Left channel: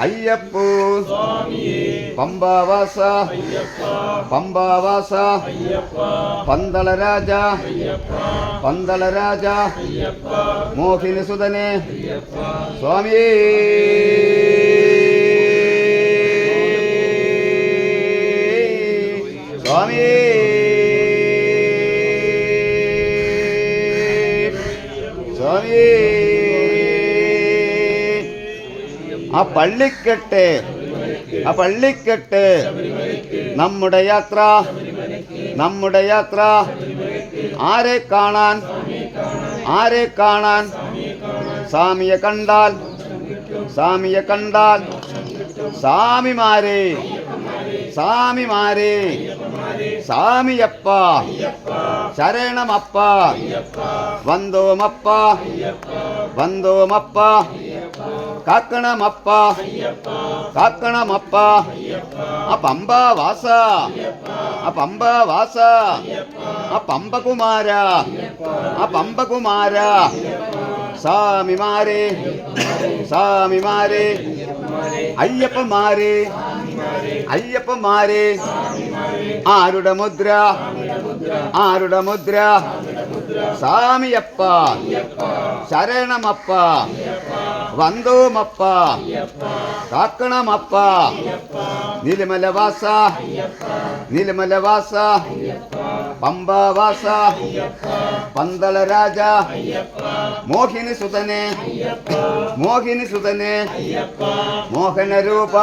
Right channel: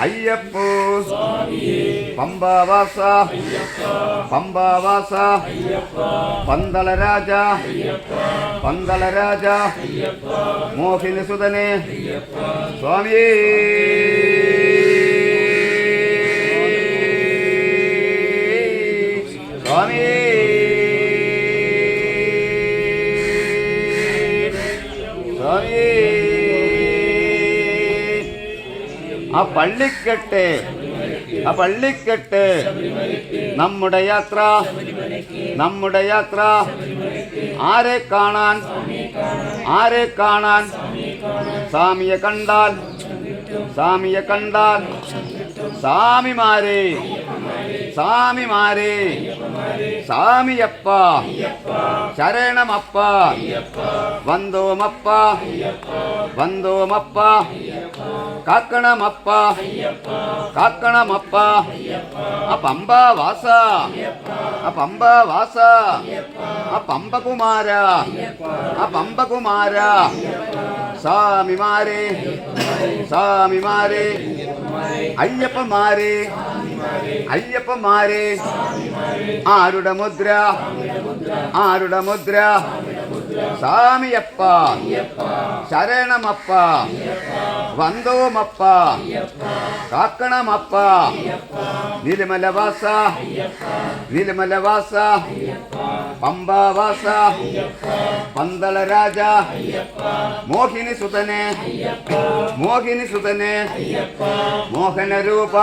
അയ്യപ്പോ പമ്പാവാസ പമ്പാവാസ പന്തളരാജ പന്തളരാജ മോഹിനി സുതനെ സ്വാമിയേ സ്വാമിയേ സ്വാമിയേ ആ പള്ളിക്കെട്ട് നമ്മുടെ യാത്ര ആരെ കാണാൻ സ്വാമിയെ കണ്ടാൽ സ്വാമിമാരെ സ്വാമിയപ്പ ശരണമപ്പ വന്ദോമപ്പ കാക്കണമപ്പ പമ്പവാസ പമ്പകുമാര സ്വാമിമാരെ അയ്യപ്പന്മാരെ ആരുടെ മുദ്ര സ്വാമിയപ്പ ശരണമപ്പ വന്ദോമപ്പ കാക്കണമപ്പ നിലമലവാസ പമ്പാവാസ പന്തളരാജ മോഹിനി സുതനെ മോഹനരൂപ